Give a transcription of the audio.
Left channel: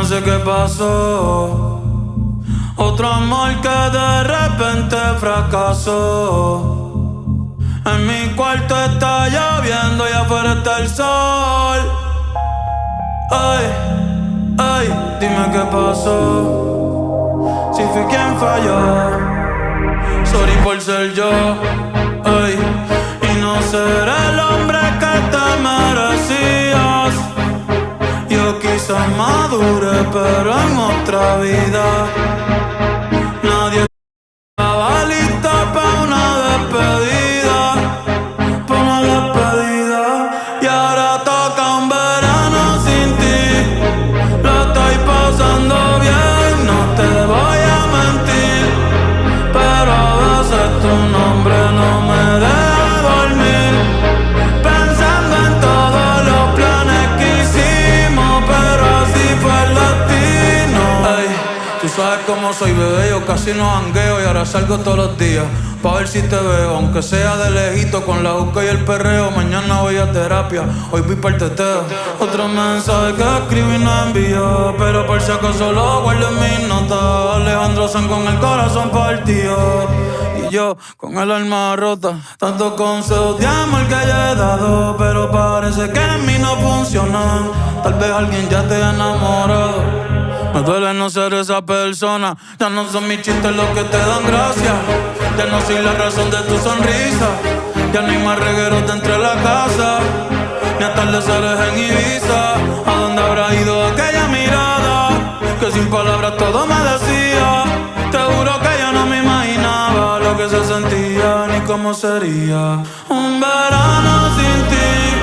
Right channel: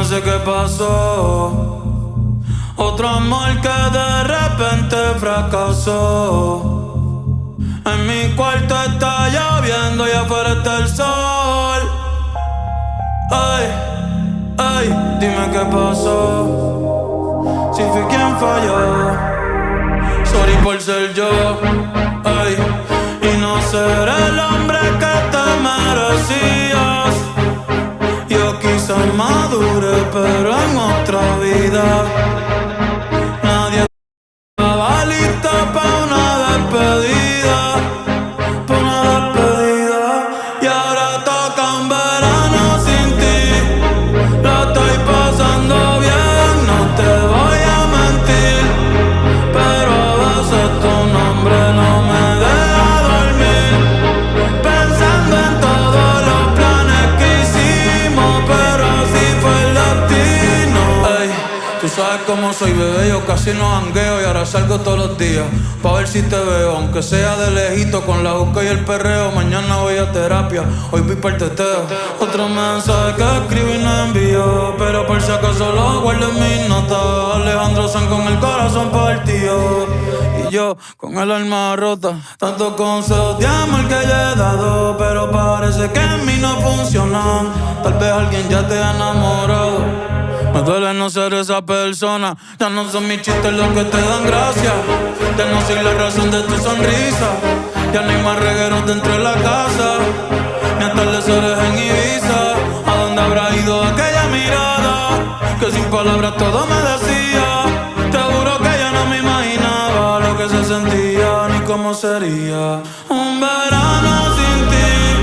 no sé qué pasó. Otro amor que de repente fracasó. En mi cuarto está lloviendo y afuera está el sol. Ay, ay, dime qué pasó. Si fui quien falló, sorry por ser yo. Ay, y no ser el hombre que te merecías. Yo quizás madure, pero en otra vida. Nadie estaba lista pa' una despedida, pa' una despedida. Y ahora toca un verano sin ti. Lo estoy pasando bien, no te voy a mentir, pero a veces tu nombre no me deja dormir. Pensando en todos los planes que hicimos, pero así fue el destino. Ey, tú sabes cómo soy, bebé, yo casi no jangueo y ahora salgo todos los días pa' ver si te veo, aunque sea de lejito, con la juca y el perreo. Mañana voy a terapia, hoy voy para el teteo. Otro mensaje que escribí y no envío, pero por si acaso lo guardo en mis notas. Alejandro Sanz con el corazón partido y yo con el alma rota. Tantos consejos de amor que yo he dado, pero parece que en mí no funcionan. Tal vez alguien ya te ha enamorado. Me duele no ser esa persona. Ya no son mis chistes los que te dan gracia. Ya no soy la razón de tu sonrisa. Ya no hay más regueros dentro de la casa, ni atardeceres en Ibiza. ¿A dónde habrá ido aquella mirada que sin palabras todo me decía? Te juro que yo no me imaginaba lo que se sentía ni cómo sería un verano sin ti.